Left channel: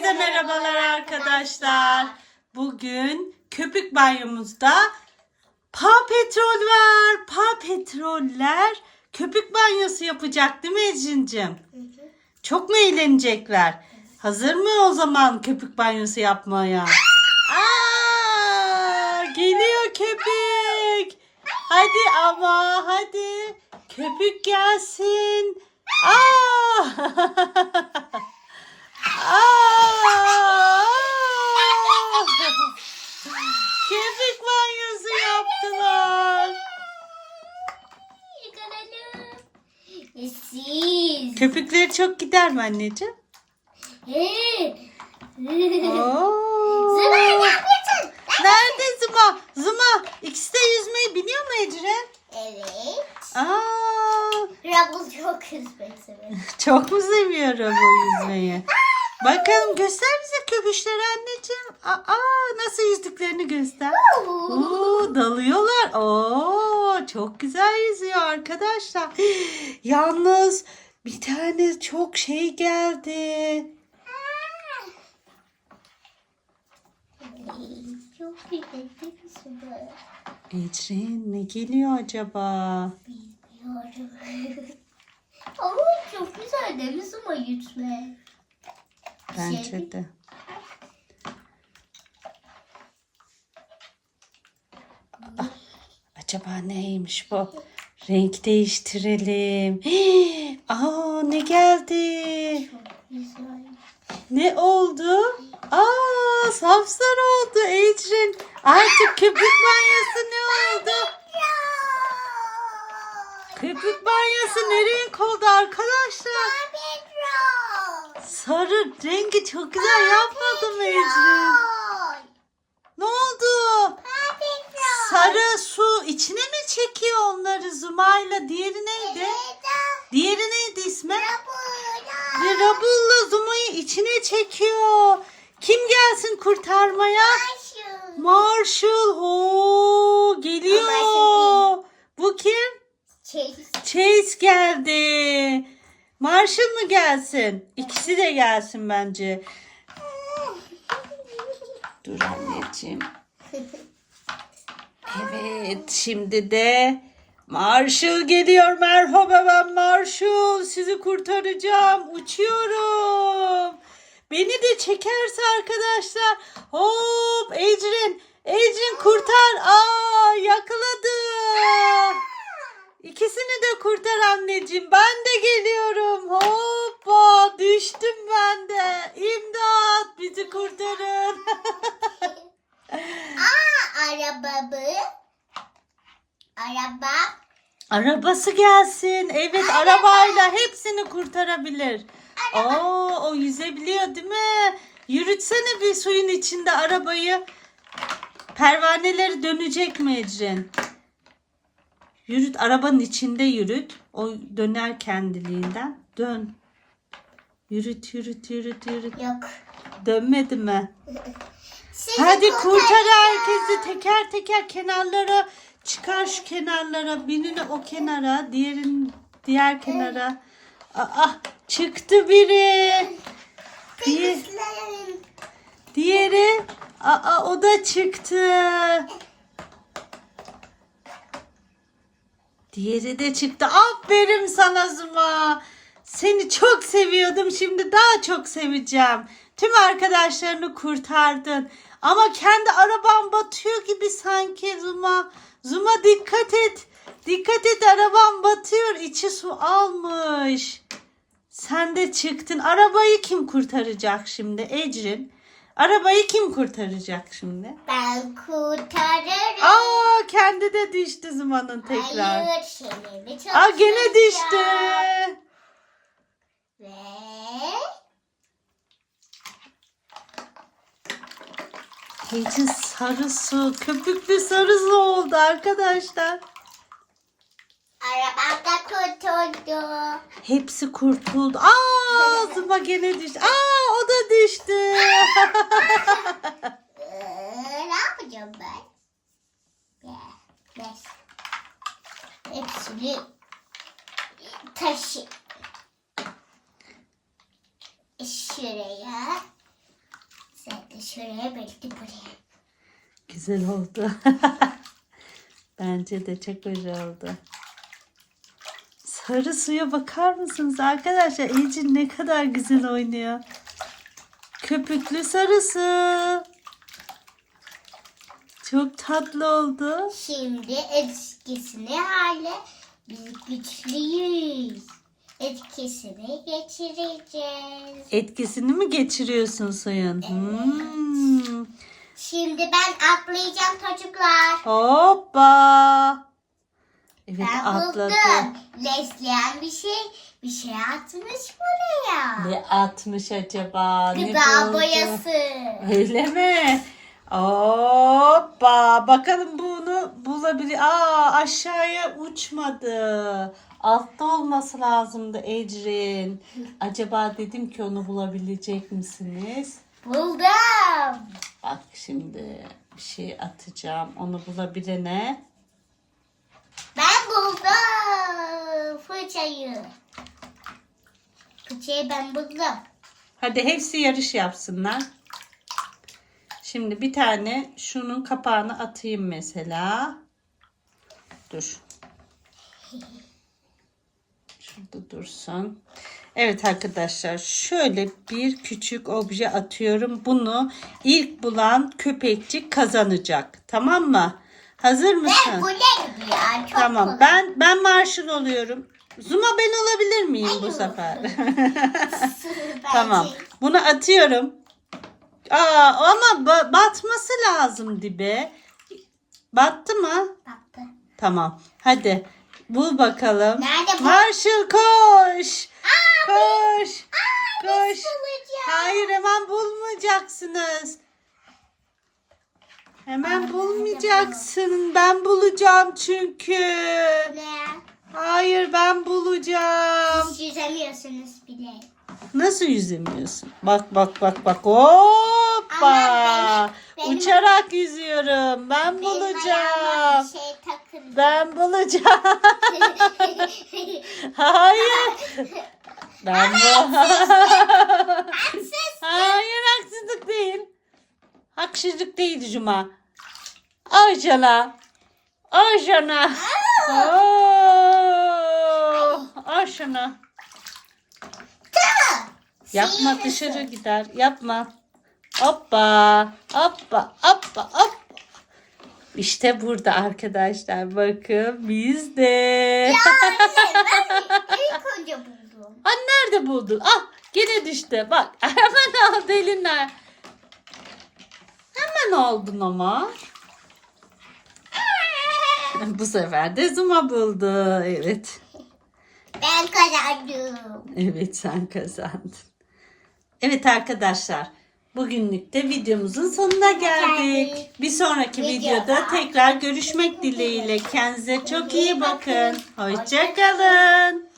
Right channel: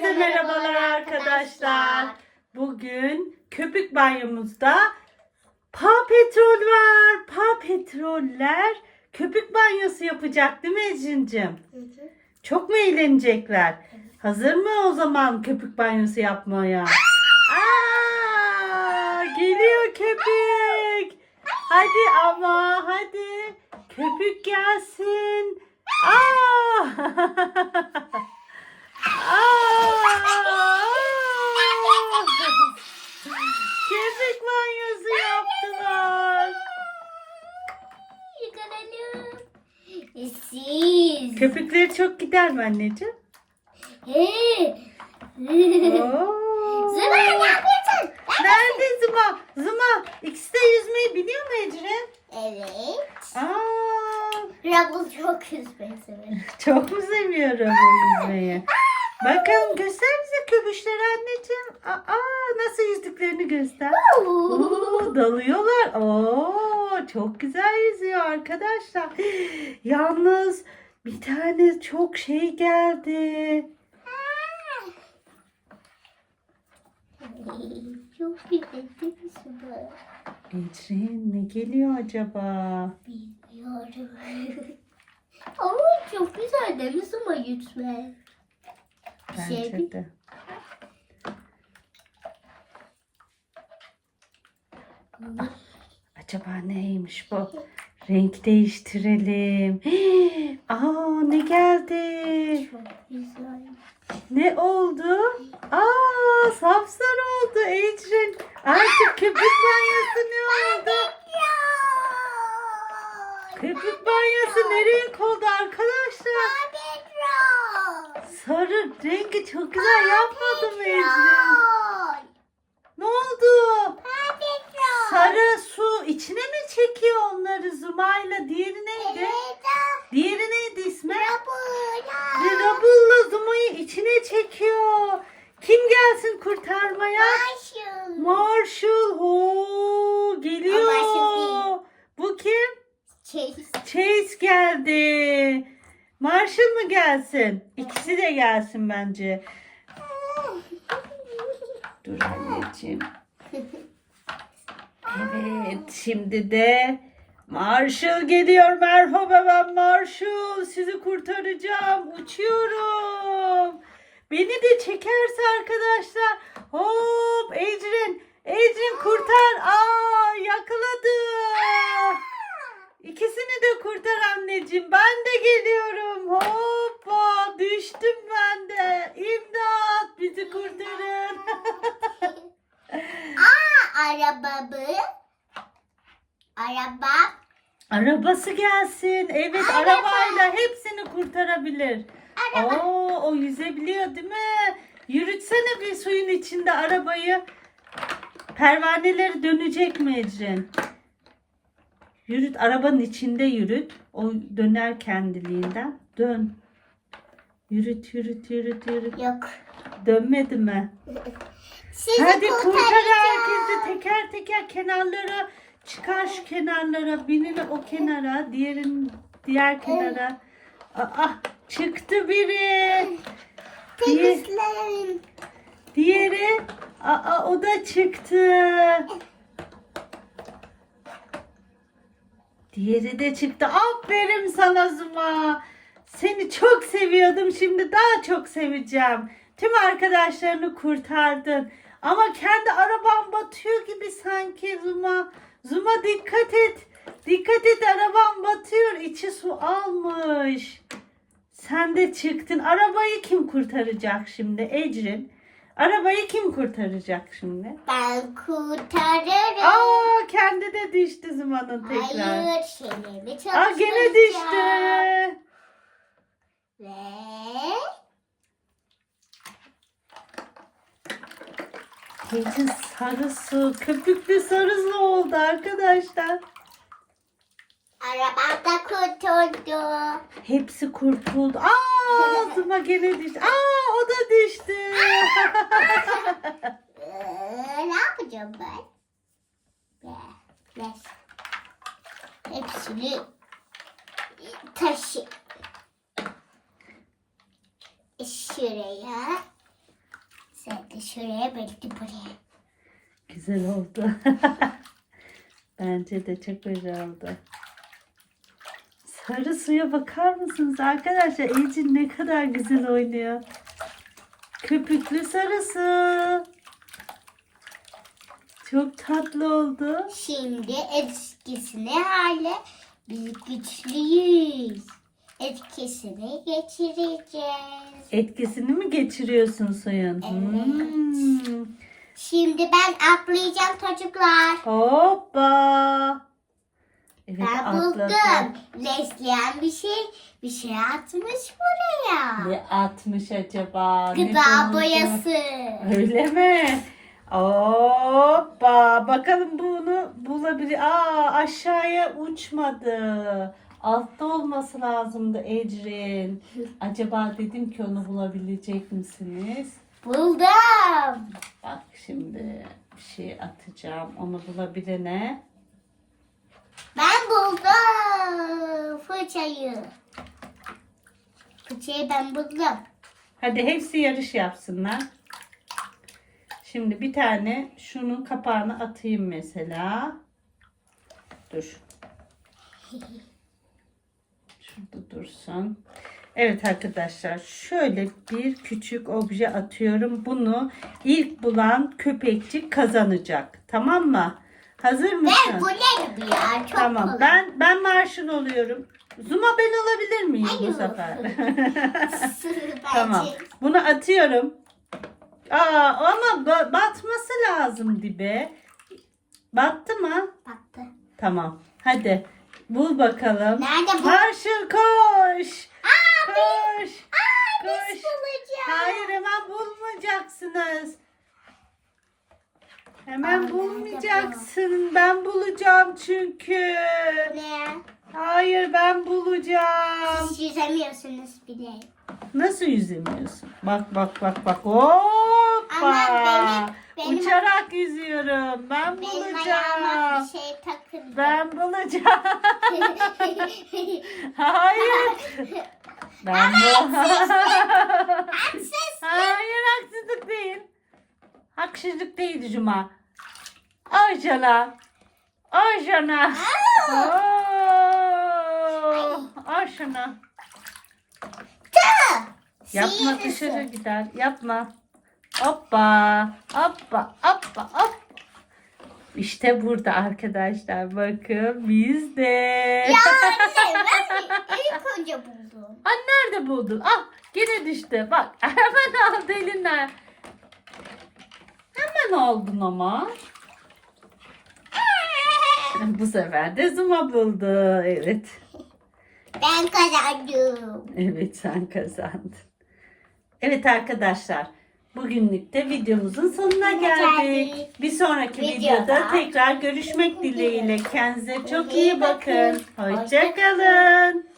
Herkese merhabalar arkadaşlar. Bugün köpük banyomuzda Paw Petrol var. Paw Petroller köpük banyosu yapacak değil mi Ecrin'cim? Çok mu eğlenecekler? Hazır mı o zaman köpük banyosu yapmaya? Aa, geliyor köpük. Hadi ama hadi. Köpük gelsin. Aa! Aa! Köpük banyosu yaptılar. Yıkanalım. Siz. Köpükleri çok gider mi anneciğim? Hey. Oo. Zıma ne yapıyorsun? Nerede Zıma? Zıma ikisi de yüzmeyi biliyor mu Ecrin? Evet. Aa, Rabul çok üzmeyi sever. çok mu seviyorum bu yüzmeyi? Bakalım göster bize köpüşleri anneciğim. Aa, nasıl yüzdüklerini göster. Oo, dalıyorlar. Oo, çok güzel yüzüyor arkadaşlar. Yalnız bir tane çok şey geldi. Çok? Ecrin ne geliyor acaba? Bilmiyorum. Ama çok güzel değil mi Zıma Bir şey Bence de. Ah, acaba neymiş bu? Renk değiştirelim. Hii, Aa ne geldi? Ne oldu? Aa sapsarı oldu Ecrin. Artık köpük banyosu ne oldu? Köpük banyosu ne renk oldu arkadaşlar? Sarı rengi çok güzel yapmadı mı Ecrin? Ne oldu? Sarı su içine mi çekiyor onları Zuma'yla? Diğeri neydi? Diğeri neydi ismi? Rabulla Zuma'yı içine çekiyor. Kim gelsin kurtarmaya? Marshall. Oo, geliyor. Bu kim? Şey, Chase geldi. Marshall mı gelsin? İkisi de gelsin bence. Dur anneciğim. Evet şimdi de Marshall geliyor. Merhaba ben Marshall. Sizi kurtaracağım. Uçuyorum. Beni de çekerse arkadaşlar. Hop Ecrin. Ecrin kurtar. Aa yakaladı. İkisini de kurtar anneciğim. Ben de geliyorum. Hoppa düştüm ben de. İmdat bizi kurtarın. arabamı araba Arabası gelsin. Evet arabayla hepsini kurtarabilir. Oo, o yüzebiliyor değil mi? Yürütsene bir suyun içinde arabayı. Pervaneleri dönecek mi Ecrin? Yürüt arabanın içinde yürüt. O döner kendiliğinden. Dön. Yürüt yürüt yürüt yürüt. yok. Dönmedi mi? Sizi Hadi kurtar herkesi teker teker kenarlara çıkar şu kenarlara birini o kenara diğerin diğer kenara. Aa çıktı biri. Temizleyin. diğeri aa o da çıktı. Diğeri de çıktı. Aferin sana Zuma. Seni çok seviyordum. Şimdi daha çok seveceğim. Tüm arkadaşlarını kurtardın. Ama kendi araban batıyor gibi sanki Zuma. Zuma dikkat et. Dikkat et araban batıyor. İçi su almış. Sen de çıktın. Arabayı kim kurtaracak şimdi Ecrin? Arabayı kim kurtaracak şimdi? Ben kurtarırım. Aa kendi de düştü Zuma'nın tekrar. Hayır şeylerimi Aa gene düştü. Ve Ecrin sarı su, köpüklü sarı su oldu arkadaşlar. arabam da kurtuldu. Hepsi kurtuldu. Aa Zuma gene düştü. Aa o da düştü. Ee, ne yapacağım ben? Ve- ve- Hepsini taşı. Şuraya Belki şuraya belki buraya. Güzel oldu. Bence de çok güzel oldu. Sarı suya bakar mısınız arkadaşlar? Ecin ne kadar güzel oynuyor. Köpüklü sarısı. Çok tatlı oldu. Şimdi eskisini hale biz güçlüyüz. Etkisini geçireceğiz. Etkisini mi geçiriyorsun suyun? Hmm. Şimdi ben atlayacağım çocuklar. Hoppa. Evet Ben atladı. buldum. Lesleyen bir şey bir şey atmış buraya. Ne atmış acaba? Gıda boyası. Öyle mi? Hoppa. Bakalım bunu bulabilir. Aa aşağıya uçmadı. Altta olması lazımdı Ecrin. Acaba dedim ki onu bulabilecek misiniz? Buldum. Bak şimdi bir şey atacağım. Onu bulabilene. Ben buldum fırçayı. Fırçayı ben buldum. Hadi hepsi yarış yapsınlar. Şimdi bir tane şunun kapağını atayım mesela. Dur. Şurada dursun. Evet arkadaşlar şöyle bir küçük obje atıyorum. Bunu ilk bulan köpekçik kazanacak. Tamam mı? Hazır Ben mısın? bu ne ya? Çok Tamam. kolay. Ben ben Marshall oluyorum. Zuma ben olabilir miyim bu Hayır. sefer? Bence- Tamam. Bunu atıyorum. Aa ama ba- batması lazım dibe. Battı mı? Baktı. Tamam. Hadi. Bul bakalım. Nerede bu? Marshall koş. koş. koş. Bulacağım. Hayır hemen bulmayacaksınız. Hemen Aa, bulmayacaksın. Ben bulacağım çünkü. Ne? Hayır ben bulacağım. Siz yüzemiyorsunuz bile. Nasıl yüzemiyorsun? Bak bak bak bak. Hoppa. Benim- benim- Uçarak yüzüyorum. Ben Benim ayağıma bulacağım. bir şey takıldı. Ben bulacağım. Hayır. Ben bu. Hayır haksızlık değil. Haksızlık değil Cuma. Ay cana. Oo, Ay cana. Yapma Sihirlisi. dışarı gider. Yapma. Hoppa. Hoppa. Hoppa. Hoppa. İşte burada arkadaşlar. Bakın bizde. Ya anne ben ilk önce buldum. Ha nerede buldun? Ah gene düştü. Bak hemen aldı eline. Hemen aldın ama. Bu sefer de Zuma buldu. Evet. Ben kazandım. Evet sen kazandın. Evet arkadaşlar. Bugünlük de videomuzun sonuna geldik. Bir sonraki Videoda videoda tekrar görüşmek dileğiyle. Kendinize çok iyi bakın. Hoşçakalın.